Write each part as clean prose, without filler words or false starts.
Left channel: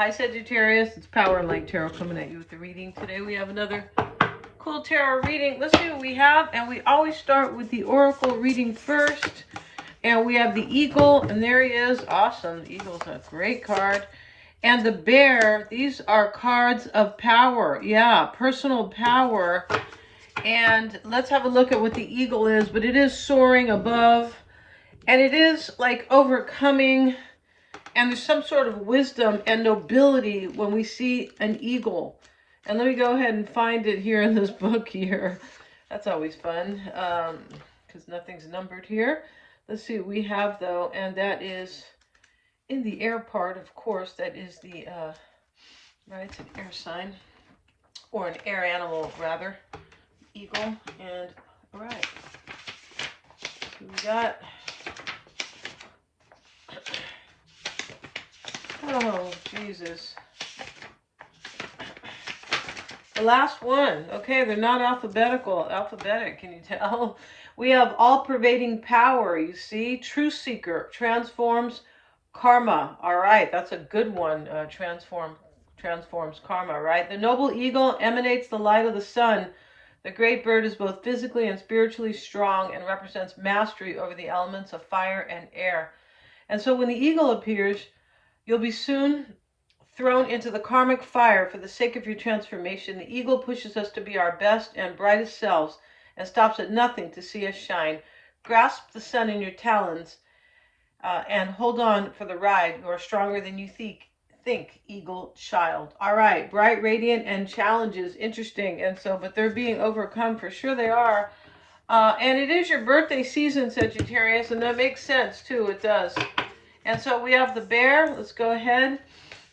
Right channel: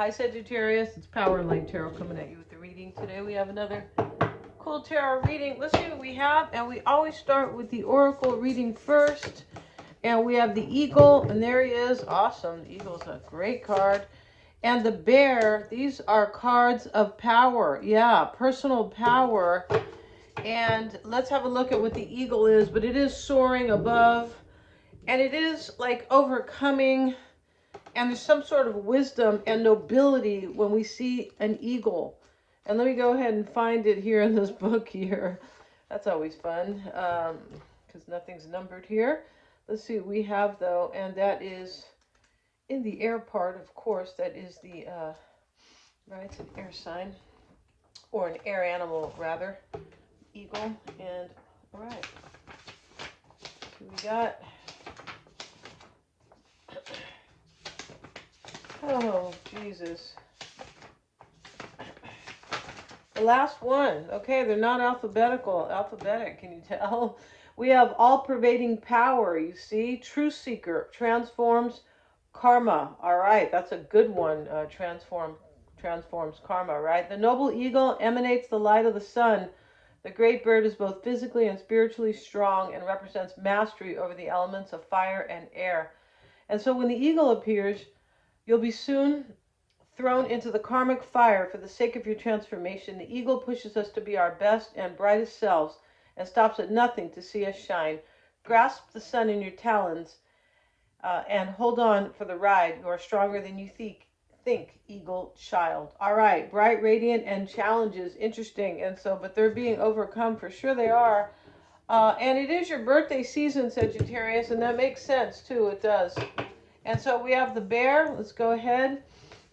Hi Sagittarius, it's Power and Light Tarot coming at you with the reading. Today we have another cool tarot reading. Let's see what we have, and we always start with the Oracle reading first. And we have the Eagle, and there he is. Awesome. The Eagle's a great card. And the Bear, these are cards of power. Yeah, personal power. And let's have a look at what the Eagle is, but it is soaring above, and it is like overcoming. And there's some sort of wisdom and nobility when we see an eagle. And let me go ahead and find it here in this book here. That's always fun, because nothing's numbered here. Let's see what we have, though, and that is in the air part, of course. That is the, right, it's an air sign, or an air animal, rather. Eagle, and, all right. So we got... Oh, Jesus. The last one. Okay, they're not alphabetic, can you tell? We have all-pervading power, you see. Truth seeker, transforms karma. All right, that's a good one. Transforms karma, right? The noble eagle emanates the light of the sun. The great bird is both physically and spiritually strong and represents mastery over the elements of fire and air. And so when the eagle appears, you'll be soon thrown into the karmic fire for the sake of your transformation. The eagle pushes us to be our best and brightest selves and stops at nothing to see us shine. Grasp the sun in your talons and hold on for the ride. You are stronger than you think, eagle child. All right, bright, radiant, and challenges. Interesting. And so, but they're being overcome, for sure they are. And it is your birthday season, Sagittarius, and that makes sense too. It does. And so we have the bear. Let's go ahead.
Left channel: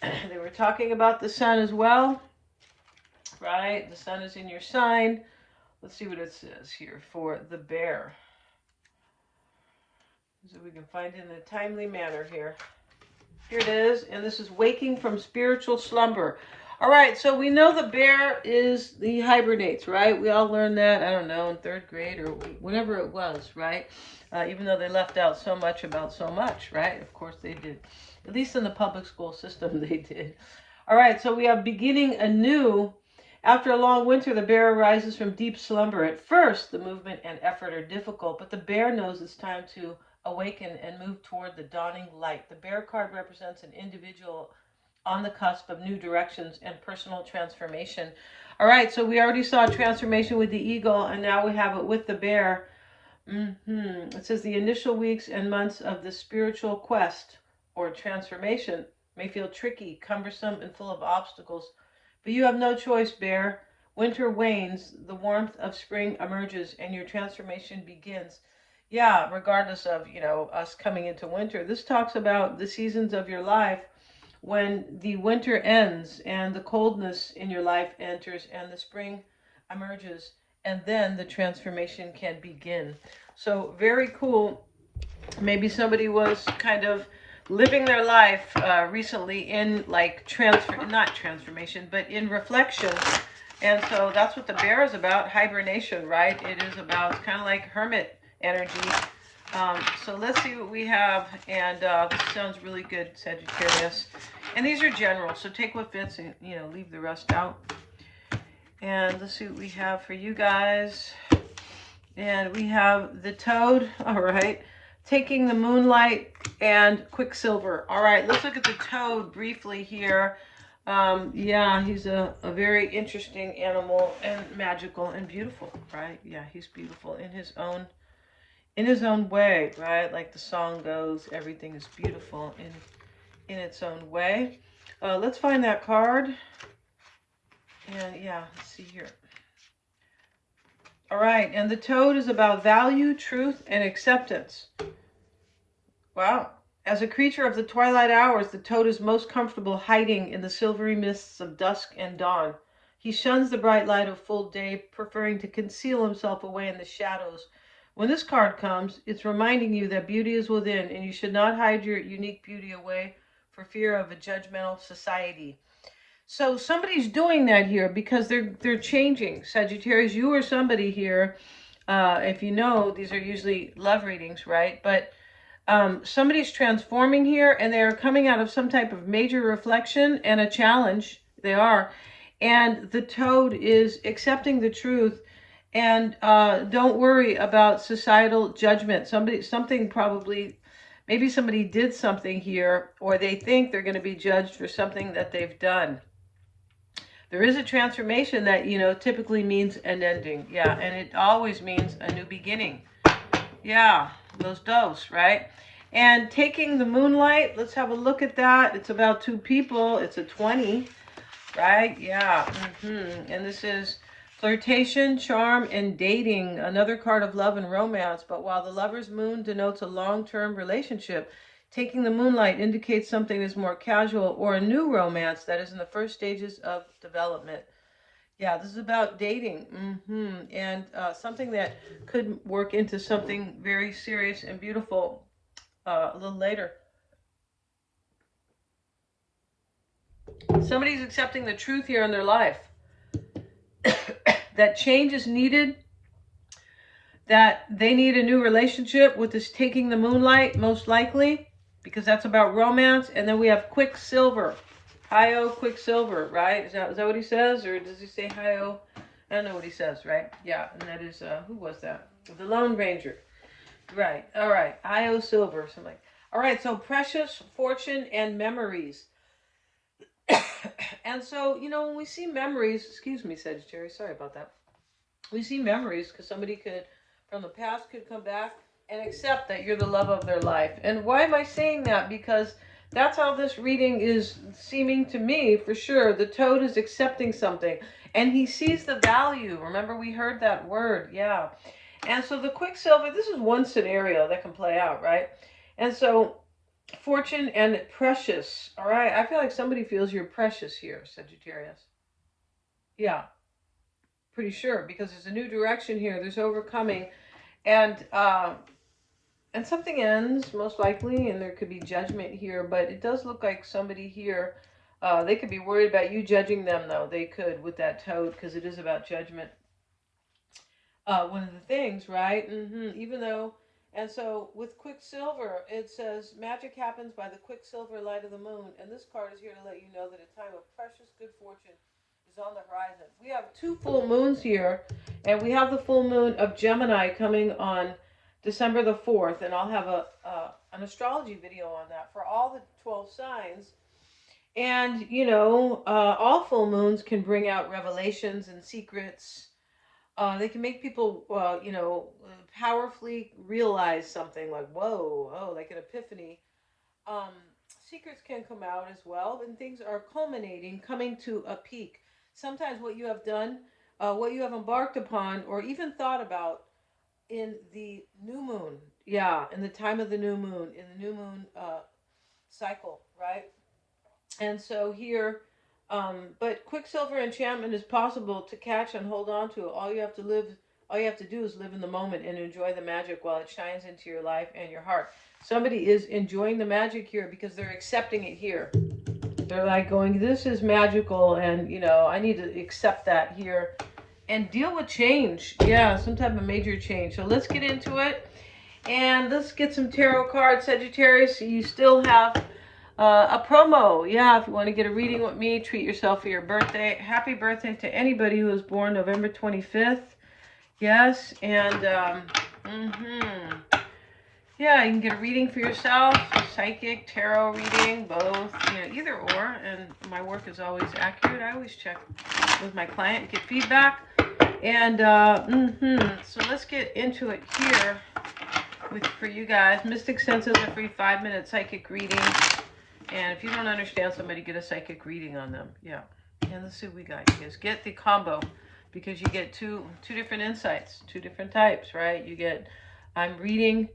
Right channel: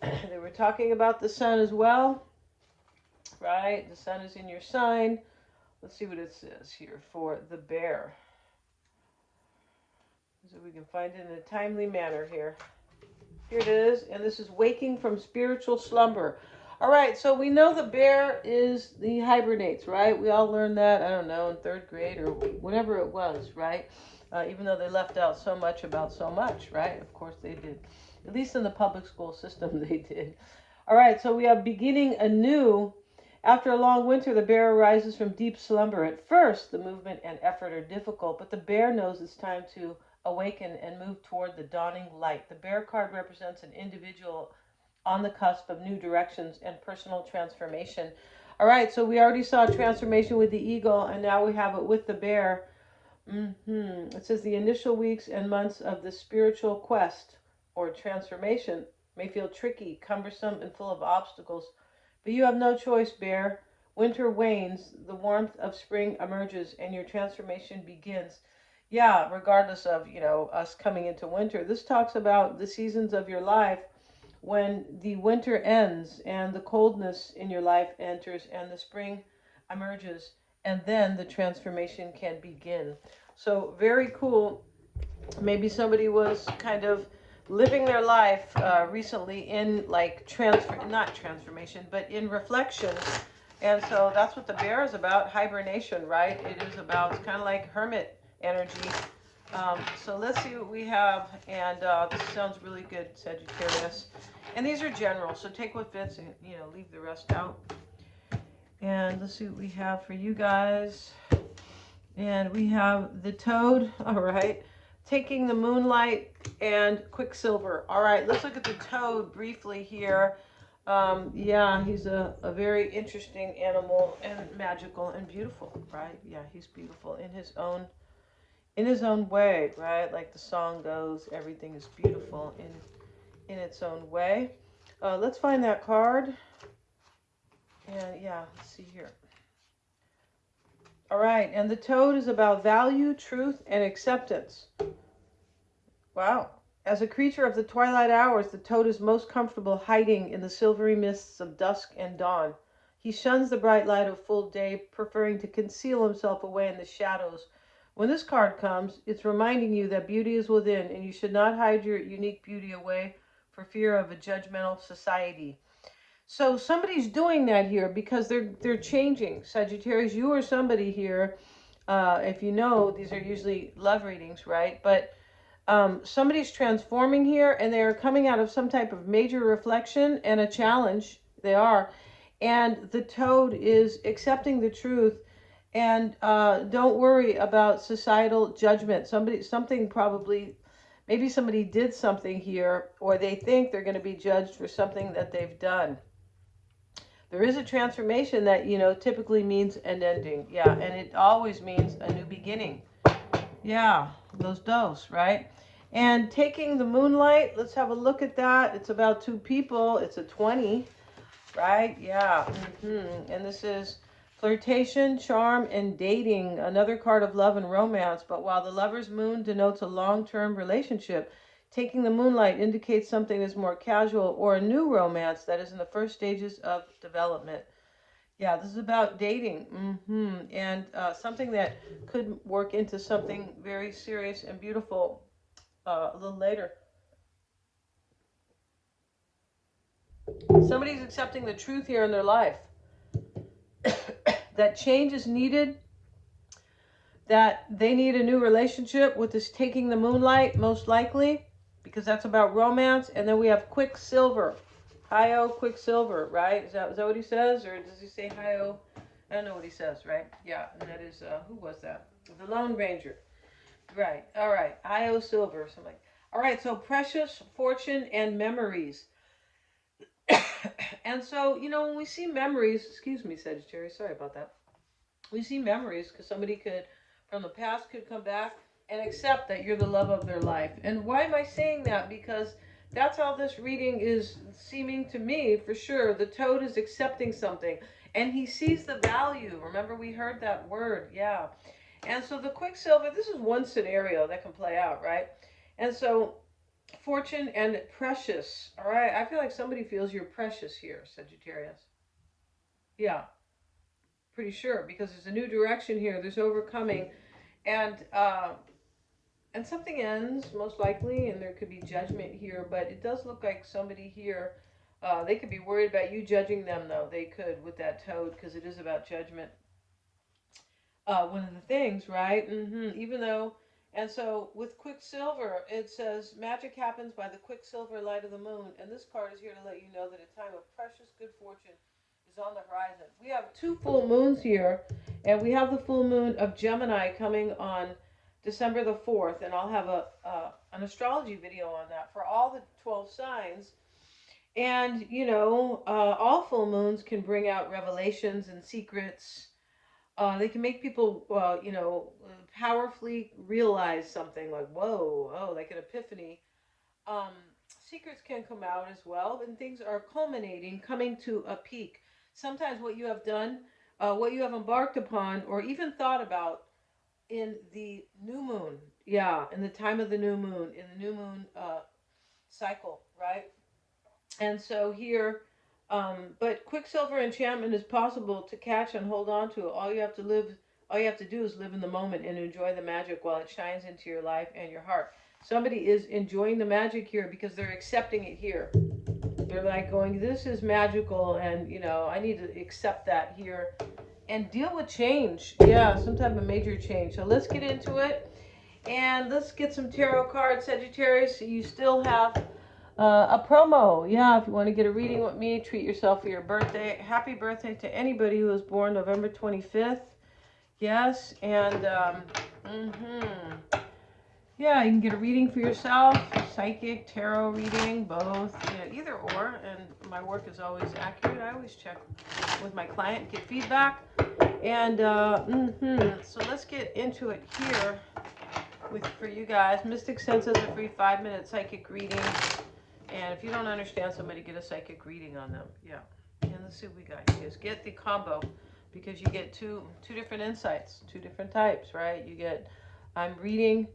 They were talking about the sun as well, right? The sun is in your sign. Let's see what it says here for the bear, so we can find it in a timely manner here. Here it is, and this is waking from spiritual slumber. All right, so we know the bear he hibernates, right? We all learned that, I don't know, in 3rd grade or whatever it was, right? Even though they left out so much about so much, right? Of course they did. At least in the public school system, they did. All right, so we have beginning anew. After a long winter, the bear arises from deep slumber. At first, the movement and effort are difficult, but the bear knows it's time to awaken and move toward the dawning light. The bear card represents an individual on the cusp of new directions and personal transformation. All right, so we already saw transformation with the eagle, and now we have it with the bear. It says the initial weeks and months of the spiritual quest or transformation may feel tricky, cumbersome, and full of obstacles. But you have no choice, bear. Winter wanes, the warmth of spring emerges, and your transformation begins. Yeah, regardless of, us coming into winter. This talks about the seasons of your life when the winter ends and the coldness in your life enters and the spring emerges, and then the transformation can begin. So very cool. Maybe somebody was kind of living their life recently in like not transformation, but in reflection. And so that's what the bear is about, hibernation, right? It is about, it's kind of like hermit energy. So let's see what we have. And this sounds really good, Sagittarius. And these are general, so take what fits and, leave the rest out. And let's see what we have for you guys. And we have the toad, all right. Taking the moonlight and Quicksilver. All right, let's look at the toad briefly here. Yeah, he's a very interesting animal and magical and beautiful, right? Yeah, he's beautiful in his own way, right? Like the song goes, everything is beautiful in its own way. Let's find that card. And yeah, let's see here. All right, and the toad is about value, truth, and acceptance. Wow. As a creature of the twilight hours, the toad is most comfortable hiding in the silvery mists of dusk and dawn. He shuns the bright light of full day, preferring to conceal himself away in the shadows. When this card comes, it's reminding you that beauty is within, and you should not hide your unique beauty away for fear of a judgmental society. So somebody's doing that here because they're changing. Sagittarius, you or somebody here, if you know, these are usually love readings, right? But Somebody's transforming here, and they're coming out of some type of major reflection and a challenge. They are. And the toad is accepting the truth. And don't worry about societal judgment. Something probably, maybe somebody did something here, or they think they're going to be judged for something that they've done. There is a transformation that, typically means an ending. Yeah, and it always means a new beginning. Yeah, those does, right? And taking the moonlight, let's have a look at that. It's about 2 people. It's a 20, right? Yeah. And this is flirtation, charm, and dating. Another card of love and romance. But while the lover's moon denotes a long-term relationship, taking the moonlight indicates something is more casual or a new romance that is in the first stages of development. Yeah, this is about dating. And something that could work into something very serious and beautiful a little later. Somebody's accepting the truth here in their life. That change is needed. That they need a new relationship with this taking the moonlight, most likely, because that's about romance. And then we have Quicksilver. Hi-oh, Quicksilver, right? Is that what he says? Or does he say hi-oh? I don't know what he says, right? Yeah, and that is, who was that? The Lone Ranger. Right, all right. Hi-oh, Silver, something. All right, so precious, fortune, and memories. And so, when we see memories, excuse me, Sagittarius, sorry about that. We see memories because somebody from the past could come back and accept that you're the love of their life. And why am I saying that? Because that's how this reading is seeming to me, for sure. The toad is accepting something, and he sees the value. Remember, we heard that word, yeah. And so the Quicksilver, this is one scenario that can play out, right? And so fortune and precious, all right? I feel like somebody feels you're precious here, Sagittarius. Yeah, pretty sure, because there's a new direction here. There's overcoming, and something ends, most likely, and there could be judgment here, but it does look like somebody here, they could be worried about you judging them, though. They could with that toad, because it is about judgment. One of the things, right? Even though, and so with Quicksilver, it says, magic happens by the quicksilver light of the moon, and this card is here to let you know that a time of precious good fortune is on the horizon. We have 2 full moons here, and we have the full moon of Gemini coming on December the 4th, and I'll have an astrology video on that for all the 12 signs. And, all full moons can bring out revelations and secrets. They can make people, powerfully realize something like, whoa, oh, like an epiphany. Um, Secrets can come out as well, and things are culminating, coming to a peak. Sometimes what you have done, what you have embarked upon, or even thought about in the new moon, yeah, in the time of the new moon, in the new moon cycle, right? And so here, but Quicksilver enchantment is possible to catch and hold on to. All you have to do is live in the moment and enjoy the magic while it shines into your life and your heart. Somebody is enjoying the magic here because they're accepting it here. They're like going, this is magical, and I need to accept that here and deal with change. Yeah, some type of major change. So let's get into it. And let's get some tarot cards, Sagittarius. You still have a promo. Yeah, if you want to get a reading with me, treat yourself for your birthday. Happy birthday to anybody who was born November 25th. Yes, and yeah, you can get a reading for yourself, psychic, tarot reading, both, either or. And my work is always accurate. I always check with my client, get feedback. And so let's get into it here for you guys. Mystic Senses, a free 5-minute psychic reading. And if you don't understand somebody, get a psychic reading on them. Yeah. And let's see what we got. You guys get the combo, because you get two different insights, 2 different types, right? You get, I'm reading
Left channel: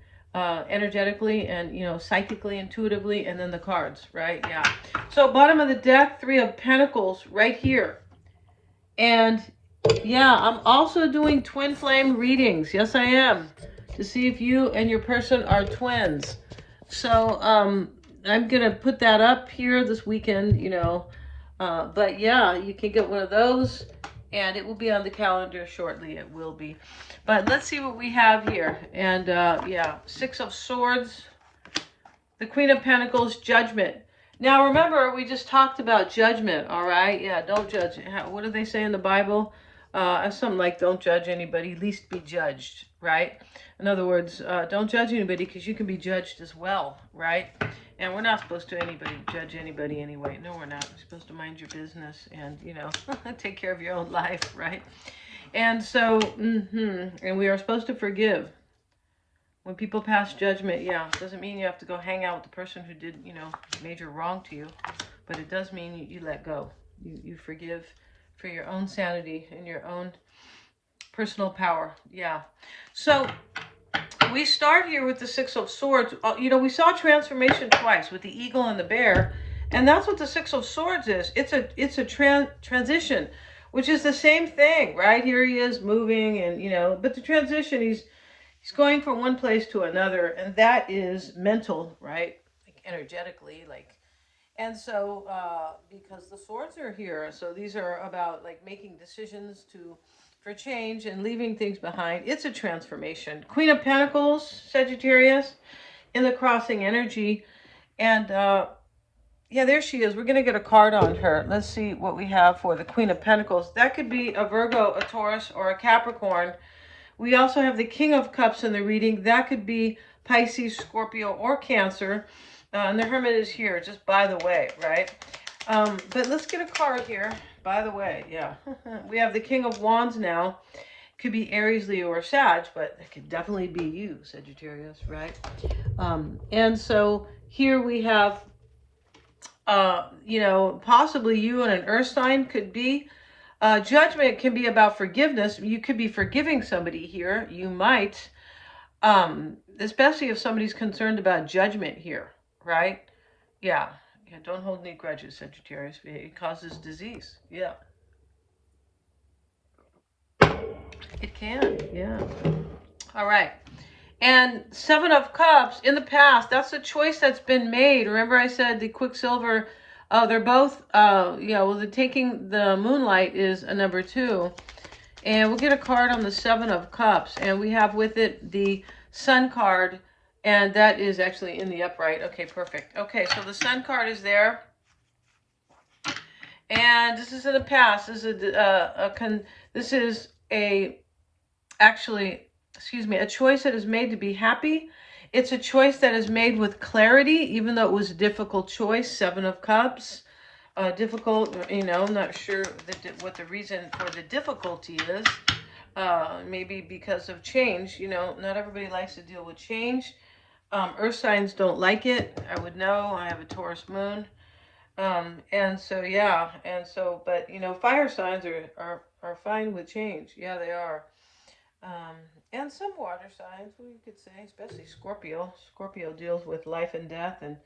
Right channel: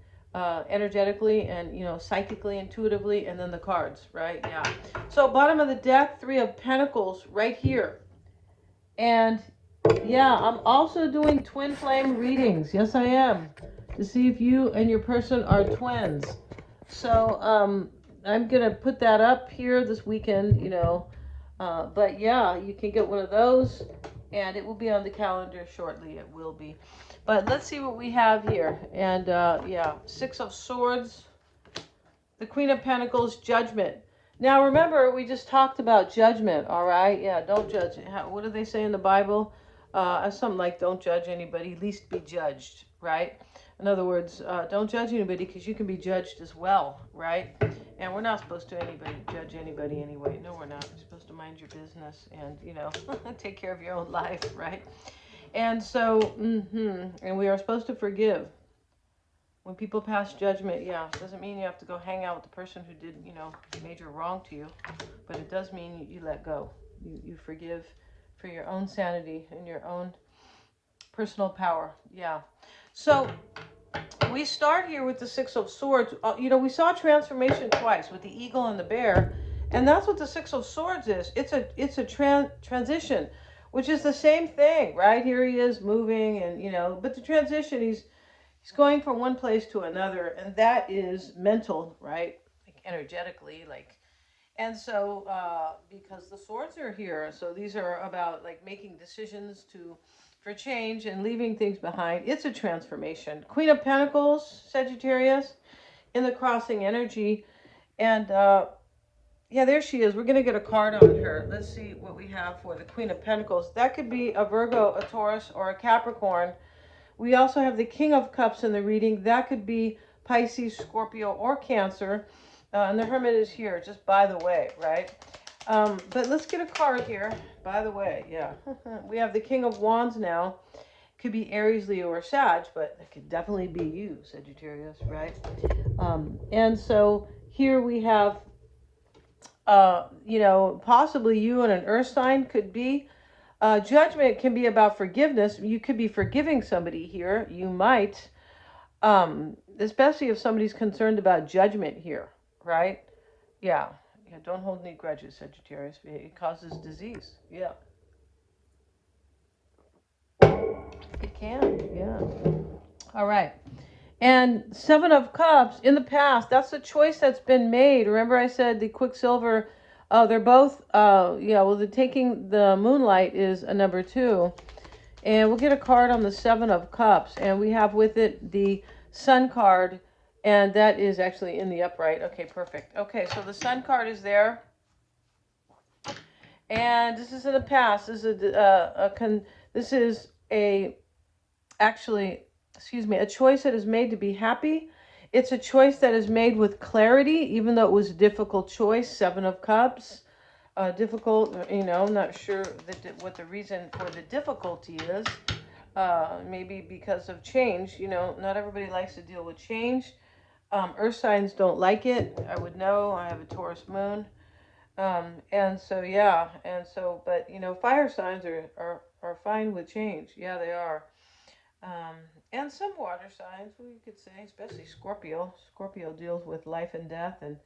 energetically and, psychically, intuitively, and then the cards, right? Yeah. So bottom of the deck, 3 of Pentacles right here. And yeah, I'm also doing twin flame readings. Yes, I am. To see if you and your person are twins. So, I'm going to put that up here this weekend, but yeah, you can get one of those, and it will be on the calendar shortly. It will be. But let's see what we have here. And yeah, 6 of Swords. The Queen of Pentacles, judgment. Now remember, we just talked about judgment, all right? Yeah, don't judge. What do they say in the Bible? Something like, don't judge anybody, least be judged, right? In other words, don't judge anybody because you can be judged as well, right? And we're not supposed to judge anybody anyway. No, we're not. We're supposed to mind your business and, take care of your own life, right? And so, and we are supposed to forgive. When people pass judgment, yeah, doesn't mean you have to go hang out with the person who did, major wrong to you, but it does mean you let go. You forgive for your own sanity and your own personal power. Yeah. So we start here with the Six of Swords. We saw transformation twice with the eagle and the bear, and that's what the Six of Swords is. It's a transition, which is the same thing, right? Here he is moving, and but the transition, he's going from one place to another, and that is mental, right? Like energetically, and so because the swords are here, so these are about like making decisions for change and leaving things behind. It's a transformation. Queen of Pentacles, Sagittarius, in the crossing energy, and yeah, there she is. We're gonna get a card on her. Let's see what we have for the Queen of Pentacles. That could be a Virgo, a Taurus, or a Capricorn. We also have the King of Cups in the reading. That could be Pisces, Scorpio, or Cancer. And the Hermit is here, just by the way, right? But let's get a card here. By the way, yeah. We have the King of Wands now. Could be Aries, Leo, or Sag, but it could definitely be you, Sagittarius, right? And so here we have, possibly you and an Earth sign could be. Judgment can be about forgiveness. You could be forgiving somebody here. You might, especially if somebody's concerned about judgment here, right? Yeah. Yeah. Don't hold any grudges, Sagittarius. It causes disease. Yeah. It can. Yeah. All right. And Seven of Cups, in the past, that's a choice that's been made. Remember I said the Quicksilver, they're both, the taking the Moonlight is a number 2. And we'll get a card on the Seven of Cups. And we have with it the Sun card. And that is actually in the upright. Okay, perfect. Okay, so the Sun card is there. And this is in the past. This is a choice that is made to be happy. It's a choice that is made with clarity, even though it was a difficult choice. Seven of Cups. Difficult, I'm not sure what the reason for the difficulty is. Maybe because of change. Not everybody likes to deal with change. Earth signs don't like it. I would know. I have a Taurus moon. And so, yeah. And so, but, fire signs are fine with change. Yeah, they are. And some water signs, we could say, especially Scorpio. Scorpio deals with life and death and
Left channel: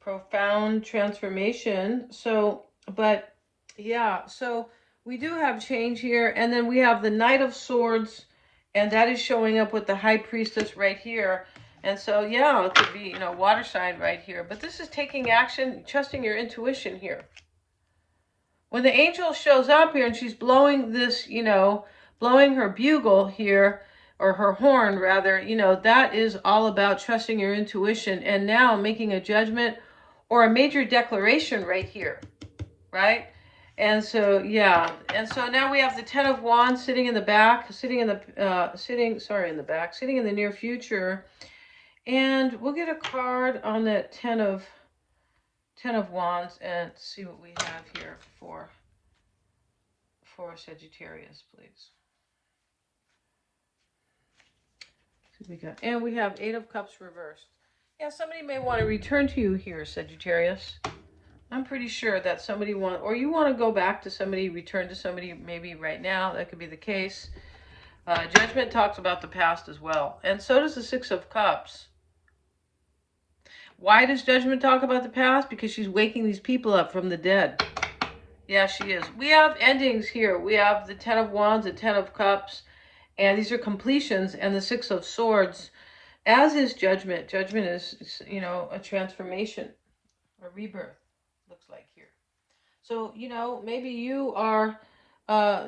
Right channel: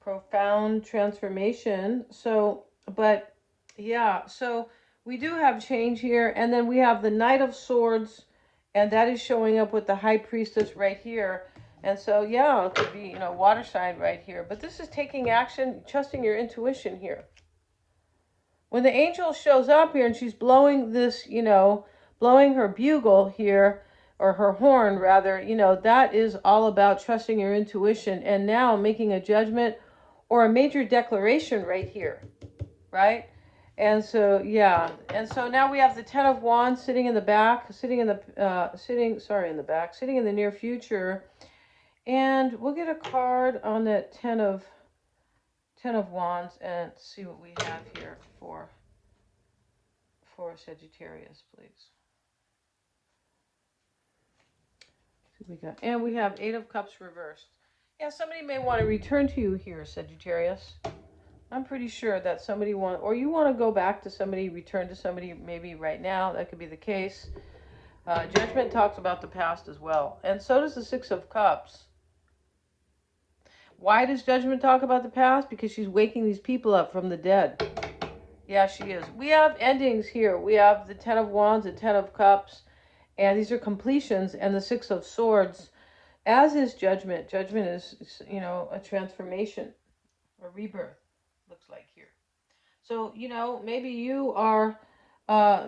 profound transformation. So, but yeah, so we do have change here. And then we have the Knight of Swords, and that is showing up with the High Priestess right here. And so, yeah, it could be, water sign right here. But this is taking action, trusting your intuition here. When the angel shows up here and she's blowing this, blowing her bugle here, or her horn rather, that is all about trusting your intuition and now making a judgment or a major declaration right here, right? And so, yeah. And so now we have the Ten of Wands sitting in the back, sitting in the near future. And we'll get a card on that Ten of Wands and see what we have here for Sagittarius, please. And we have Eight of Cups reversed. And somebody may want to return to you here, Sagittarius. I'm pretty sure that somebody or you want to go back to somebody, return to somebody maybe right now. That could be the case. Judgment talks about the past as well. And so does the Six of Cups. Why does Judgment talk about the past? Because she's waking these people up from the dead. Yeah, she is. We have endings here. We have the Ten of Wands, the Ten of Cups. And these are completions, and the Six of Swords, as is Judgment. Judgment is, a transformation, a rebirth, looks like here. So, maybe you are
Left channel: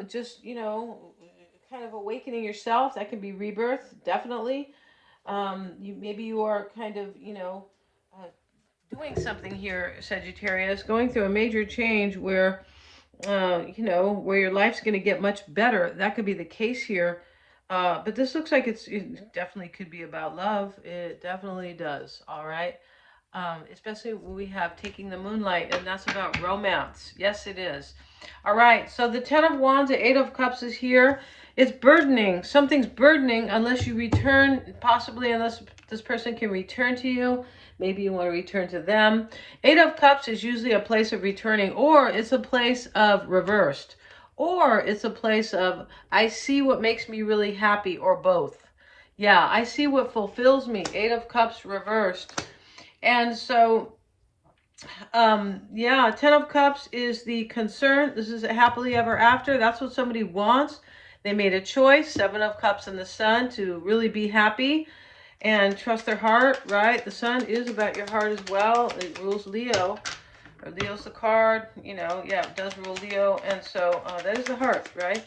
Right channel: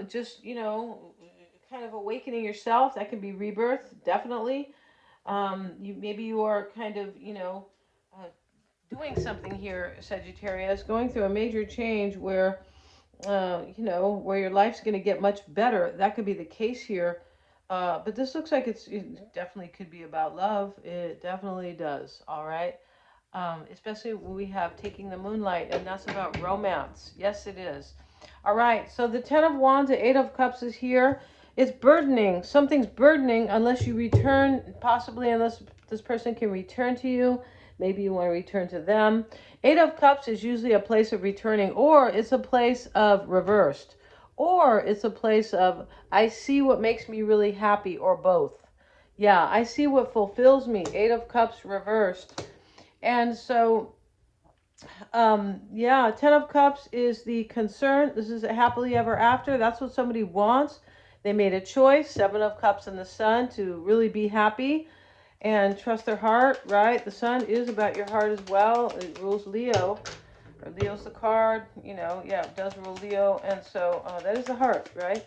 just, kind of awakening yourself. That can be rebirth, definitely. Maybe you are kind of, doing something here, Sagittarius, going through a major change where, you know, where your life's going to get much better. That could be the case here. But this looks like it definitely could be about love. It definitely does. All right. Especially when we have taking the moonlight, and that's about romance. Yes, it is. All right. So the 10 of Wands, the 8 of Cups is here. It's burdening. Something's burdening unless you return, possibly unless this person can return to you. Maybe you want to return to them. 8 of Cups is usually a place of returning, or it's a place of reversed, or it's a place of, I see what makes me really happy, or both. Yeah, I see what fulfills me. 8 of Cups reversed. And so, yeah, 10 of Cups is the concern. This is a happily ever after. That's what somebody wants. They made a choice. 7 of Cups in the Sun to really be happy and trust their heart, right? The Sun is about your heart as well. It rules Leo. Or Leo's the card, you know, yeah, it does rule Leo. And so that is the heart, right?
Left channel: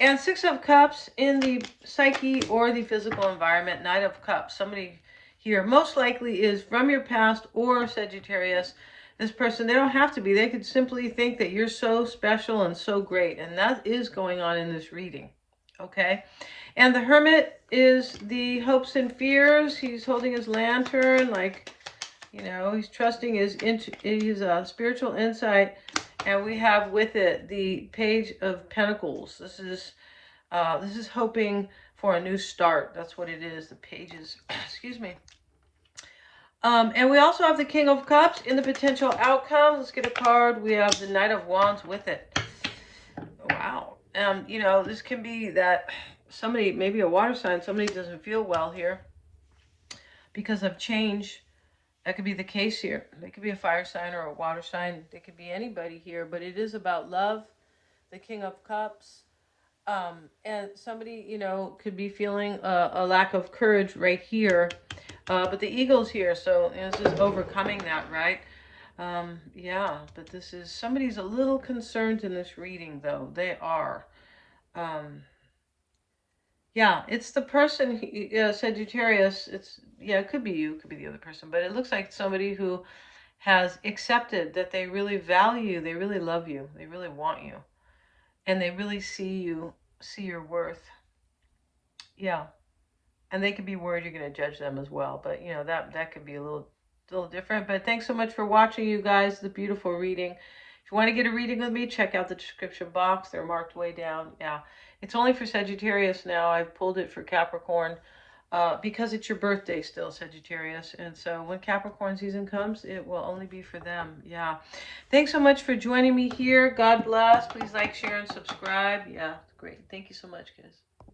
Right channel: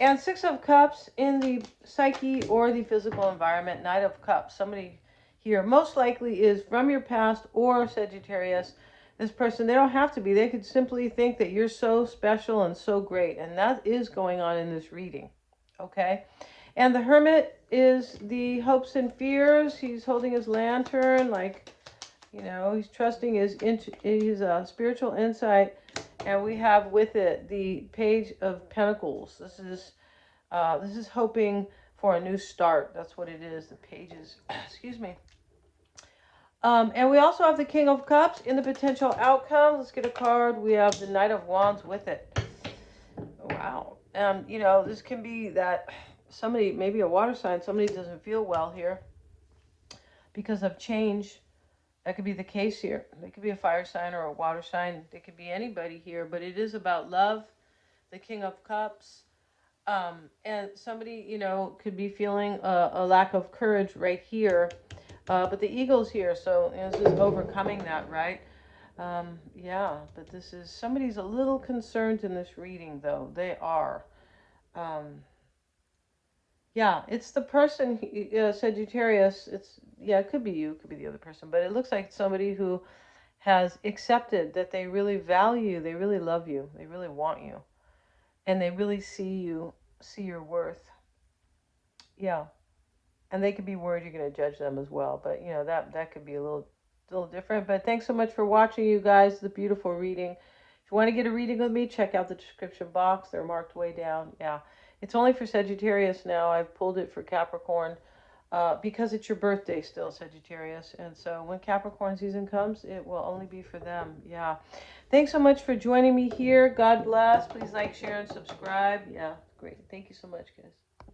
And 6 of Cups in the psyche or the physical environment. 9 of Cups. Somebody here most likely is from your past or Sagittarius. This person, they don't have to be. They could simply think that you're so special and so great. And that is going on in this reading. Okay? And the Hermit is the hopes and fears. He's holding his lantern, like, you know, he's trusting his spiritual insight. And we have with it the Page of Pentacles. This is hoping for a new start. That's what it is. The pages, excuse me. And we also have the King of Cups in the potential outcome. Let's get a card. We have the Knight of Wands with it. Wow. You know, this can be that somebody, maybe a water sign, somebody doesn't feel well here because of change. That could be the case here. They could be a fire sign or a water sign. They could be anybody here, but it is about love, the King of Cups. And somebody, you know, could be feeling a lack of courage right here. But the eagle's here, so, you know, this is overcoming that, right? Yeah, but this is, somebody's a little concerned in this reading, though. They are. Yeah, it's the person, Sagittarius, yeah, it could be you, it could be the other person, but it looks like somebody who has accepted that they really value, they really love you, they really want you, and they really see your worth. Yeah, and they could be worried you're going to judge them as well, but, you know, that could be a little different. But thanks so much for watching, you guys, the beautiful reading. If you want to get a reading with me, check out the description box. They're marked way down. Yeah, it's only for Sagittarius now. I've pulled it for Capricorn because it's your birthday still, Sagittarius. And so when Capricorn season comes, it will only be for them. Yeah. Thanks so much for joining me here. God bless. Please like, share, and subscribe. Yeah, great. Thank you so much, guys.